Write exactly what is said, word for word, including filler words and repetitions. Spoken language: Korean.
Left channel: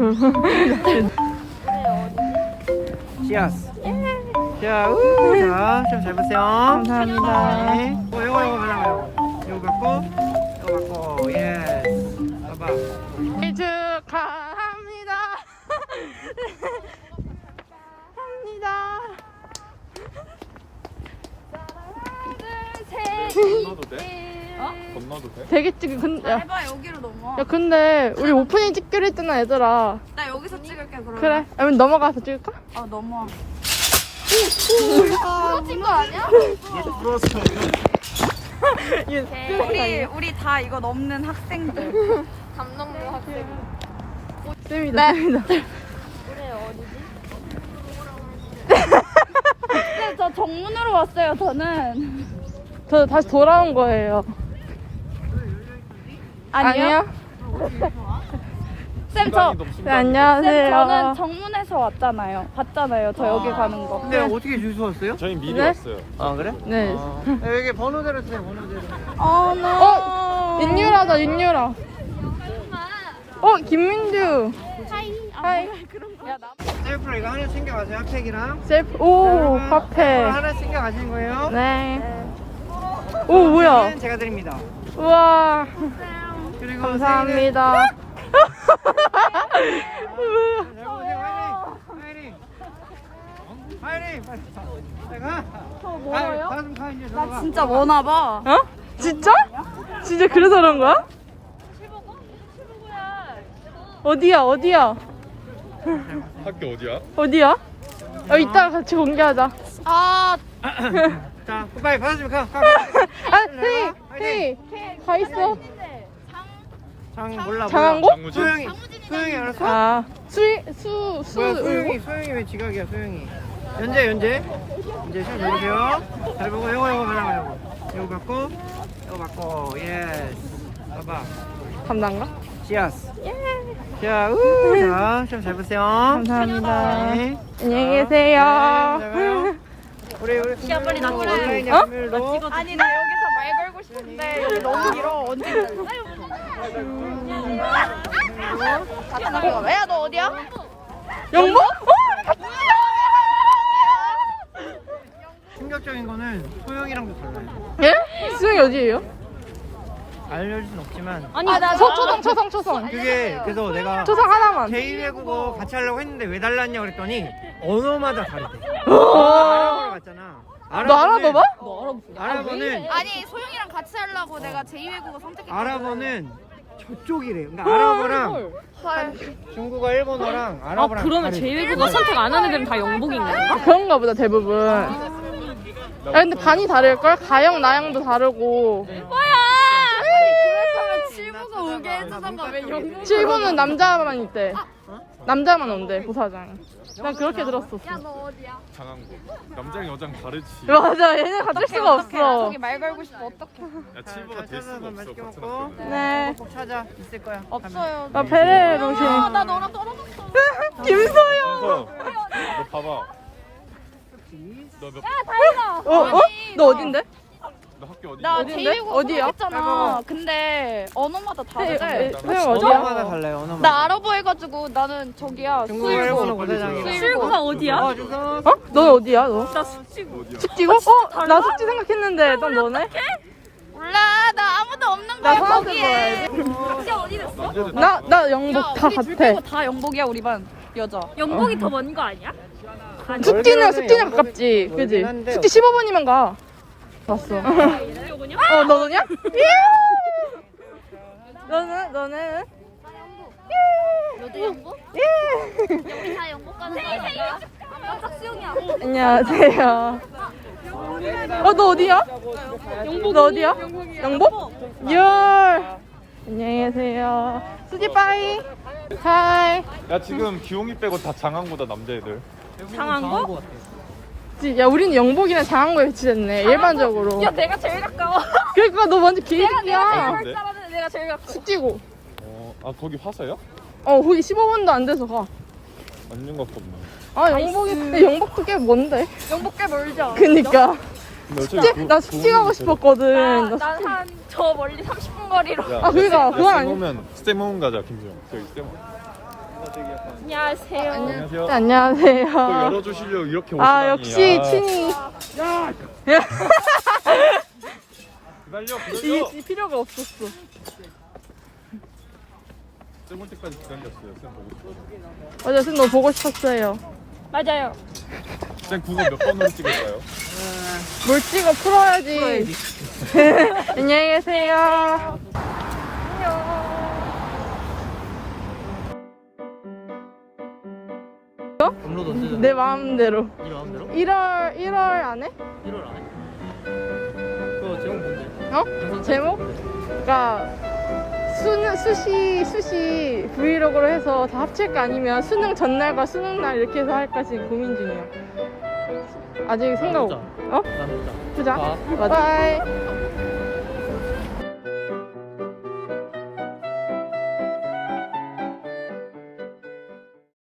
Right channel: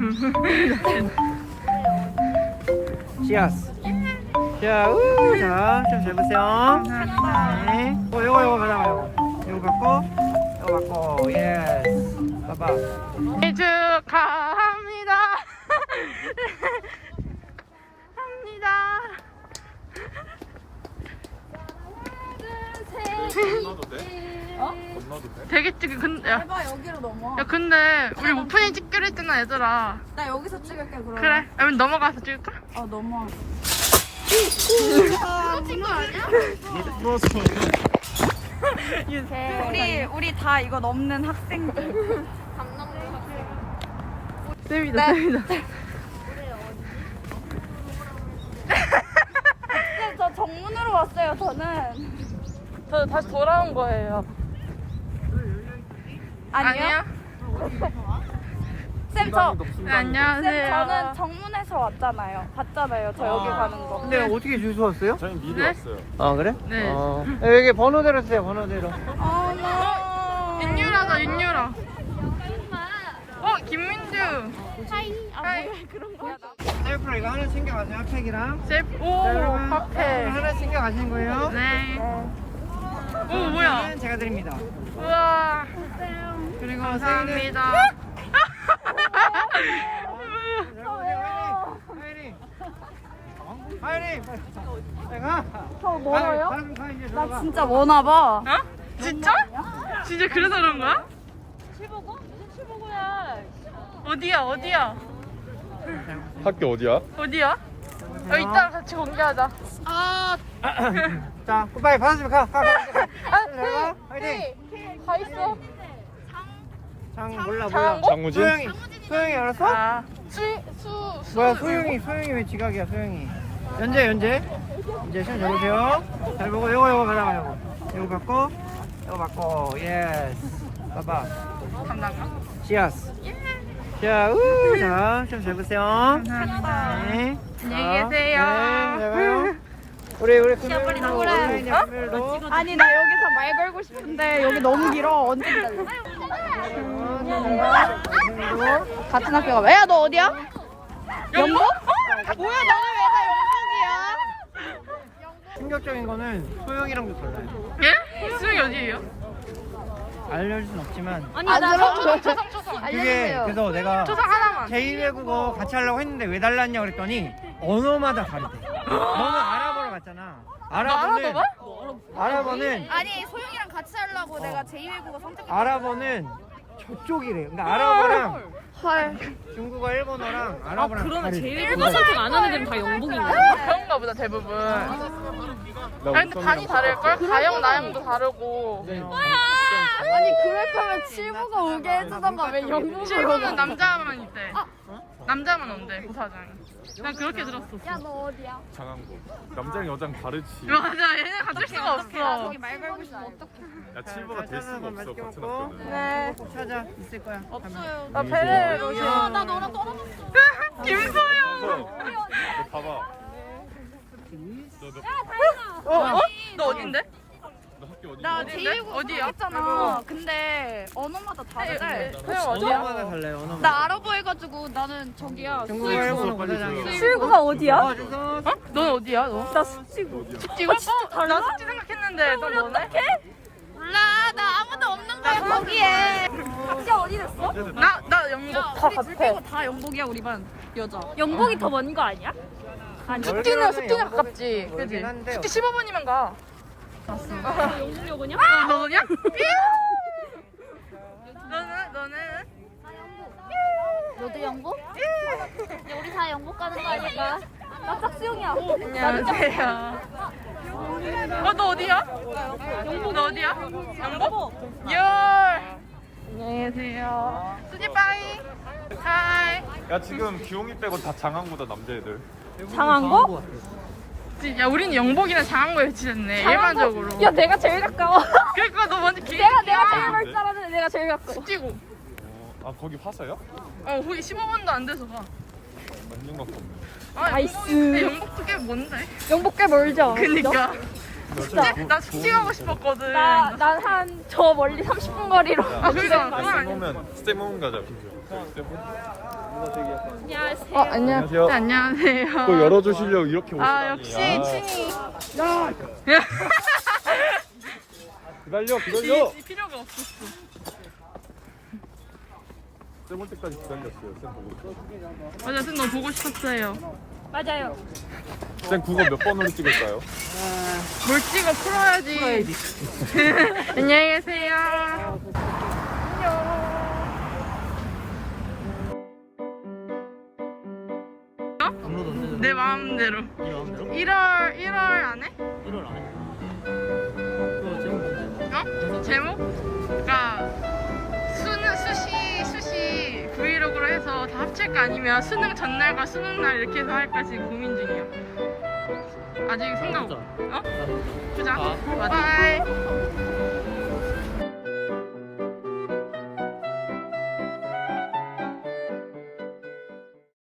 씨앗. 자, 우, 자, 좀 잘 보세요. 감사합니다. 네. 어, 요거, 요거 가져가요. 요거 받고, 요거 받고, 예스. 봐봐. 생일 축하합니다. 합니다. 어? 되게 찍기 근데 야, 해봐 여기로 넘어. 야 근데 우리 오프닝 찍기로 했잖아 얘들아. 나 여기서 찍을게 그럼. 그래. 아니면 넘어가서 찍을까? 어 넘어. 얘도 부러웠어. 우리 우리 다 이거 넘는 학생들. 쌤이다 쌤이다. 네, 저 정문으로 왔어요. 저는. 저 다시 돌아온 거예요. 아니요? 쌤 저. 네, 쌤 안녕하세요. 저는 정문에서 왔잖아요. 봤잖아요. 저 여기 가는 거. 근데 어떻게 주소 왔어요? 저희 미리 네? 왔어요. 아, 그래? 네. 어. 네, 여기 번호대로 쓰세요, 번호대로. 어? 윤유라다 윤유라. 어 김민주. 하이. 아 하이. 뭐야 그런 거. 셀프로 이거 하나 챙겨가세요, 핫팩이랑. 셀프. 오 자, 여러분, 카페. 셀프로 하나 챙겨가시는 거예요. 네. 오 뭐야? 이거는 제가 드립니다. 우와. 그리고 감사합니다. 화이팅! 화이팅! 화이팅! 빨리 가! 저 멀어요? 가슴 가 이제 나 들어가. 진짜 머나 봐. 어? 진짜? 진짜 그래서 그런 거야? 어디야 어디야 학교 어디야? 어디야? 어 이따가 같이 공개하자. 아 자, 굿바이 받아주면 가! 가! 가! 아 화이팅! 헤이 가 있어. 장 몰라 몰라. 장고? 장우진? 소영이! 소영이 알았어? 아 수수 수. 뭐야 소영이 소영이 왜 지각이야 소영이. 연재 연재 이제 시험 잘 보세요. 잘 보고 요거 요거 가져가 요거 요거 받고 요거 받고 예스. 봐봐 감사한가? 씨앗. 자, 우, 자, 시험 잘 보세요. 감사합니다. 네. 안녕히 네, 계세요. 좋아요. 우리 우리 시험 빨리 너무 오래. 어? 아니 나 여기서 말 걸고 싶은데 여기 너무 길어. 언제 기다려? 같이 나가. 왜야 너 어디야? 영보? 충격적인 거는 소영이랑도 달라요. 예? 수영이 어디예요? 알려줄 순 없지만 아나 초성 초성 초성. 그게 그래서 내가 초성 하나만. 제이 외국어 같이 하려고 했는데 왜 달랐냐 그랬더니 언어마다 다르대. 너가 아랍어를 갔잖아. 너 아랍어는 알아봐봐? 아랍어는 아니 소영이랑 같이 하려고 내가 제이 외국어 선택했거든. 아랍어는 저쪽이래. 그러니까 아랍어랑 중국어, 일본어랑 아랍어랑 그러면 다르대. 제일 일본 선택 안 하는 데는 다 영복인 거야? 아, 그런가 보다 대부분. 야 근데 반이 다를걸? 가영 나영도 다르고. 친구가 오게 해주던가 왜 영국? 칠구는 남자만 있대. 남자만 온대 부사장. 난 그렇게 들었었어. 야너 어디야? 장항고. 남장 여장 다르지. 맞아 얘네 같을 수가 어떡해 나 없어. 저기 말 걸고 싶어 어떡해. 야 칠보가 될 수가 없어 맛있게 같은 먹고. 학교는. 네. 꼭 찾아 있을 거야. 없어요. 나 배를 야, 나 너랑 떨어졌어. 김소영. 너 봐봐. 너몇 다행이다. 어? 어? 너 어딘데? 너 학교 어디? 나 어딘데? 제이 외국어 어디야? 했잖아. 근데 언어마다 다르대. 소영 언어마다 달라요. 언어마다. 나 아랍어 해가지고 나는 저기야. 중국어, 일본어 빨리 고대장. 줘요. 출구가 어디야? 어, 주소. 어? 너 어디야 너? 나 숙지고. 어디야? 숙지고? 어? 나 숙지 생각했는데 넌 너네? 몰라 나 아무도 없는 나 거야 거기에. 거기에. 각자 어디 됐어? 나, 나 영국 야 다 우리 둘 같아. 빼고 다 영복이야 우리 반 여자. 영복이 더 먼 거 아니야? 숙지는 숙지는 가깝지, 그지? 한데요. 숙지 십오 분이면 가. 왔어. 어, 너 너냐? 너는 너는? 너도 영복? 야 우리 다 영복 가는 거 아니야? 깜짝 수영이야. 안녕하세요. 어, 너 어디야? 나 영복. 너 어디야? 영복? 열. 안녕히 계세요. 수지 빠이. 하이. 야 지금 기용이 빼고 다 장항보다 남자애들. 장항고? 야, 우리는 영복이나 장항고에 배치됐네. 일반적으로. 야 내가 제일 가까워. 그러니까 너 완전 내가 개새끼야. 제일 잘하는데 내가 제일 가까워. 숙지고. 아 거기 화서야? 어, 거기 십오 분도 안 돼서 가. 남는 것 없네. 아, 영복이 근데 영복도 꽤 먼데. 영복 꽤 멀죠? 그니까. 근데 숙지, 나 숙지 가고 싶었거든. 나 숙- 난한 저 멀리 삼십 분 거리로. 아, 그러니까 그건 아니. 면 스테몬 가자 김수영. 저기 스테몬. 안녕하세요. 어, 안녕. 안녕하세요. 네, 안녕하세요. 또 열어주시려고 이렇게 오시다니. 아, 역시 친이. 야! 기다려, 기다려. 이 필요가 없었어. 쌤 올 때까지 기다렸어요. 쌤 보고 싶어서. 맞아, 쌤 너무 보고 싶었어요. 맞아요. 쌤 그거 몇 번으로 찍을까요? 뭘 찍어 풀어야지. 안녕히 계세요. 안녕. 업로드 언제 되나? 내 마음대로. 네 마음대로? 일월 일월 안에? 일월 안에? 그거 제목 뭔데? 어? 영상 제목? 타이틀 뭔데? 그러니까 수능 수시 수시 브이로그로 해서 다 합칠까 아니면 수능 전날과 수능 날 이렇게 해서 할까 지금 고민 중이야. 아직 생각 없. 보자. 어? 난 보자. 보자. 아. 맞아. 바이.